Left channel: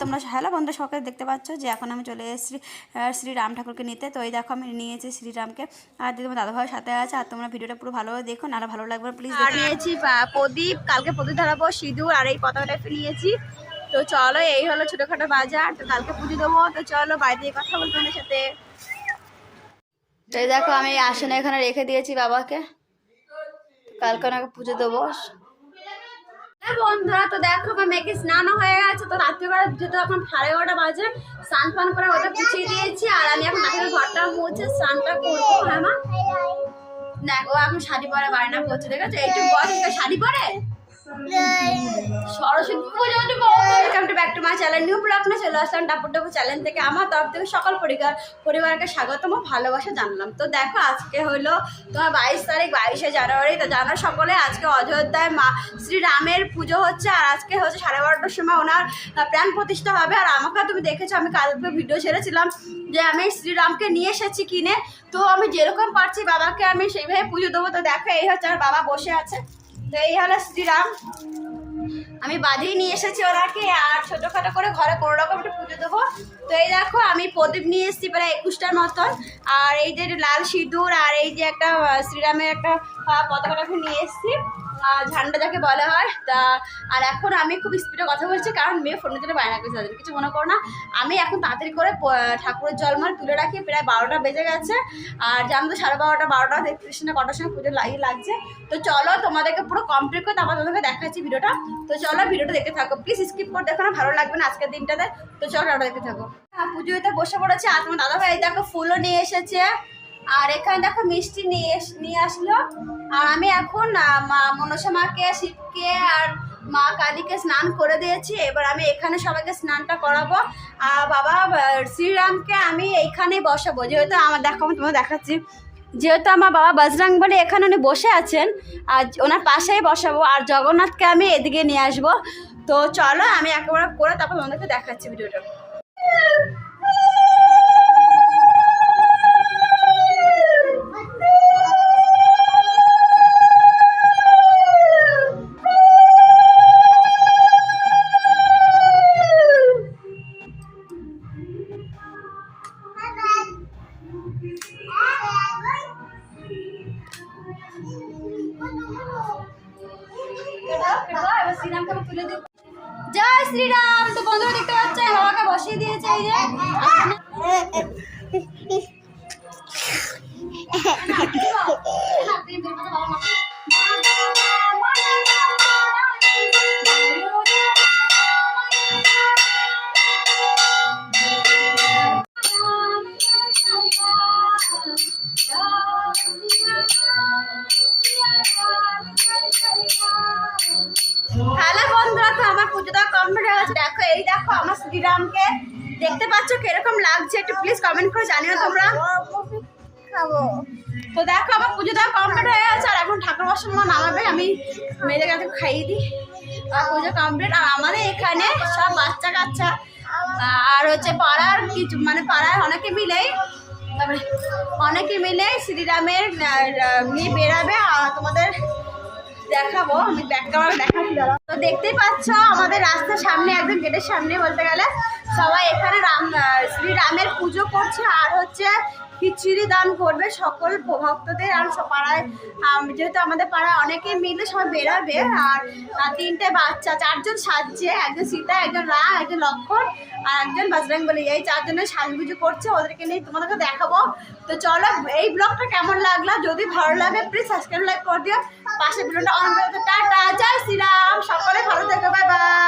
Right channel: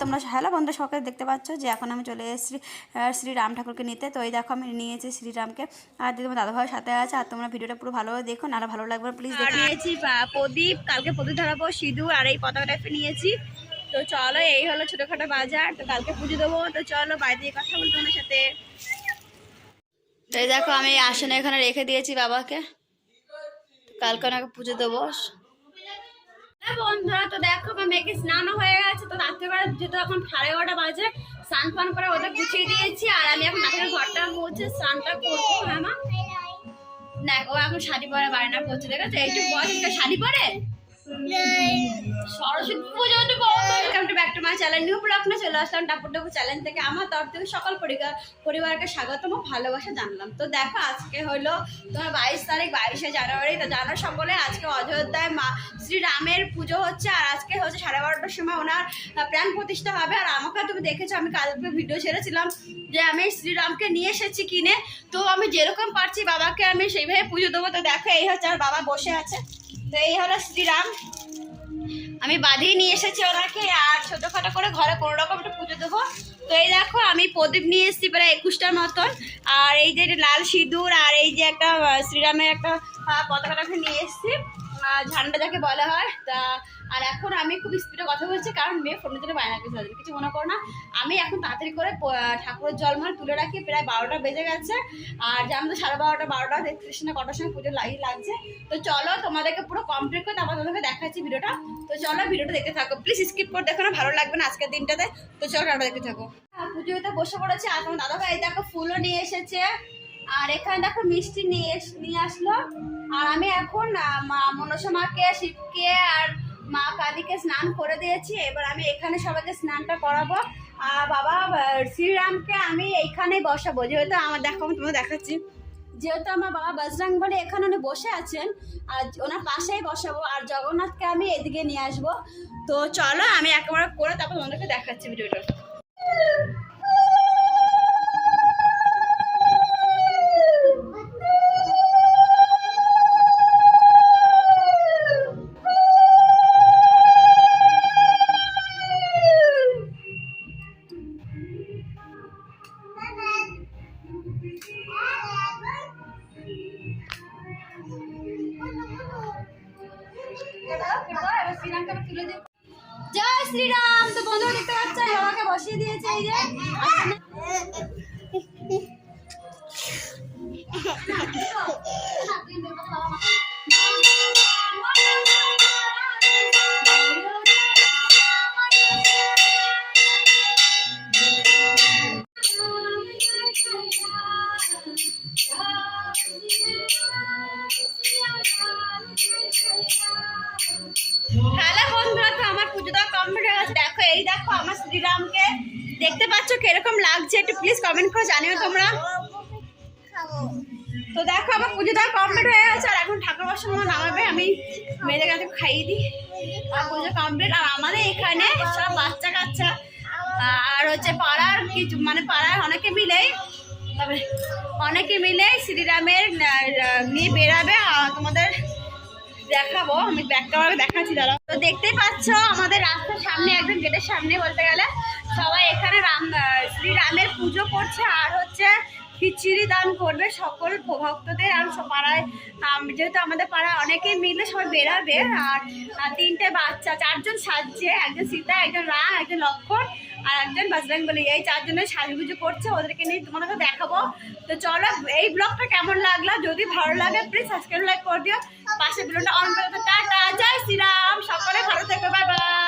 তোমরা হ্যালো বন্ধুরা সকালে দেখতে পাচ্ছ যে এখন আমি চলে এসেছি শ্রীরাম ঠাকুরকে নিতে। তো এই দেখো আমি নিয়েছি শ্রীরামকে। আর দিদি তোমার দাদাভাইয়ের সাথে আছে, আর তোমরা ভিডিওটা পুরো ভালোভাবে দেখো, নাহলে ভালো লাগবে প্লিজ দেখে। নিয়েছি প্রদীপ, কালকে প্রদীপ ধরাবো, সিঁদুর আর এই পতাকা টাইপের নিয়েছি। তো চলো, এই হলো ছোটোখাটো বাজার, তো কালকে পুজো দেবো। তো চলো, বাড়িতে কথা বলব তোমাদের সাথে। তো দেখো, আমি আসনে এখানে রেখে দিয়েছি বাবাকে। কালকে ওনাকে পুজো দেবো। বন্ধুরা, তো দেখো আমার মেয়েকে স্নানও হয়ে গেছে, তো রাত্রিবেলা যেহেতু এখন সাড়ে এগারোটা বাজে, স্নান ফান করে ওটা পুছিয়ে দিয়েছি, আর আমি এখন রাতের ঘরটা মুছে স্নানটা করব হ্যাঁ মা? দেখো এখন শাড়ি পরে বাড়িটা করছে, ঠিক আছে? একটু একটা শাড়ি পরে? চ্যানেল নিউ ব্লগ চলে আসলাম টাপুর চ্যানেল থেকে। আমার তরফ থেকে সকল পরিবার পরিবারকে স্বাগতম ও ভালোবাসা জানলাম। তো দেখো, আজকে হলো তোমার বাইশ তারিখ, বাইশে জানুয়ারি। তো জানো সকলে, আজকে অযোধ্যায় মা শ্রীরামের পুজো হচ্ছে, আর আজকে হচ্ছে সাড়ে বারোটার সময় ওনার প্রাণ প্রতিষ্ঠা হবে। আর আমাকে তুমি দেখেছ, আমি কালকে ভিডিও ছেড়েছিলাম যে আমি শ্রীরামকে নিয়ে এসেছি কিনে। তো আমি যেরকম পারছি বাবাকে আমি সেইভাবে পুজো দেবো। তো দেখো, এই হচ্ছে আমার বাবা বসে আছে। তো এই হলো শ্রীরাম আমি বাঁধিয়ে নিয়ে এসেছি ওনাকে, আর ছোটোখাটো করে ঘরে কোনো রকম একটু পুজো দেবো। তো এই দেখো, আমি প্রদীপ নিয়ে এসেছি প্রায় একুশটার মতন। আর এই যে লাল সিঁদুর, আর এই যে একটা শ্রীরামের একটা পতাকাটা এসেছি। ঝান্ডা যাকে বলা হয়, তা, আর এখন আমি খুব স্পিডে কথা বলছি, কারণ মেয়ে ফোনের জন্য বায়না করছে, তাদের কিছু মনে করো না। আমি এখন তাড়াতাড়ি করে ঠাকুরের জল জলমাল তুলে রাখি, প্রায় বারোটা বেজে গেছে। আর জানো তো, সাড়ে বারোটা বারোটা, তেত্রিশ না কটার সময় পুজো লাগিয়ে লাগছে। তো চলো, তোমাদেরকে পুরো কমপ্লিট করে তারপর তোমাদেরকে দেখাচ্ছি ভিডিওটা। তো চলো, ভিডিওটা দেখতে থাকো। প্লিজ স্কিপ করে দেখো না, ভালো লাগবে না আজকের দিনটাতে। তো চলো ওটা দেখতে থাকো। হ্যাঁ পুজোতে বসে পড়েছে, আর তোমার দাদা ভাই দেখো, ফুলও নিয়ে এসেছে। আর এখানে দেখো মিষ্টি নিয়ে নিয়ে আসলো। আর আমি এখন মা, মনসা মাকে, শিবকে আর মা কালীকে স্নান করে দিয়েছি। এবার আমি এখানে সবাইকে স্নানটা করাবো। আর বাবা শ্রীরামকে আমি এইখানেই বসাবো। যেহেতু আমার, দেখো, আমি তোমাকে দেখাচ্ছি। যেহেতু আমার বাবা বজরং বলে এখানে উনি বসে আছেন আর ওনার পাশেই বসাবো। আর জগন্নাথকে আমি এদিকে নিয়ে আসব। তো চলো, আমি একেবারে করে তারপর তোমাদেরকে দেখাচ্ছি ভিডিওটা। জয় শ্রীরাম তো বন্ধুরা দেখতে পাচ্ছ বাবাকে বসিয়ে দিয়েছে দেখো, আমার শ্রীরামকে দেখতে পাচ্ছ কীরকম লাগছে একটু প্লিজ কমেন্ট করে জানিও তোমরা। তো দেখো, আমার পুজোটা কমপ্লিট হয়ে গেছে, আর এখন ঠাকুর বসার সময় নামাবে, আমি মেয়েদের কাছে খাইয়ে দিই। আর পুজো কমপ্লিট আর আমাদের এখানে সব বাচ্চা কাচ্চা, আর হচ্ছে পাড়ার কিছু মানে পাড়ার অনেকে মিলেই অনেকে মিলে শ্রীরামের নিয়ে বেরাবে আর তোমাদের দেখাবো, আমি দেখাচ্ছি দাঁড়া তো দেখতেই পাচ্ছ, আমাদের রাস্তার সামনে, একদম গেটের সামনে বলতে গেলে সবাই এখানে রাম শ্রীরামের পুজো করছে আর হচ্ছে খিচুড়ি দান করবে সকল ভক্তদের আর পাড়ায়। যেহেতু আমাদের পাড়ায় অনেকে মিলে সবাই বেরাবে আর তিনটে বাচ্চা, চারজন সাজছে, একজন সীতা, একজন রাম একজন লক্ষণ আর একজন বজরং বলি এই চারজনের সাজগুজু করছে, ওদেরকে নিয়ে তোমাদেরকে দেখাবো। তো চলো, এই ব্লগটা কেমন লাগল? যদি ভালো লাগে প্লিজ সাবস্ক্রাইব লাইক করে দিও। পাশে ভিডিওটা অন করে। টাটা, জয় শ্রীরাম। সকলে ভালো থেকো বাই বাই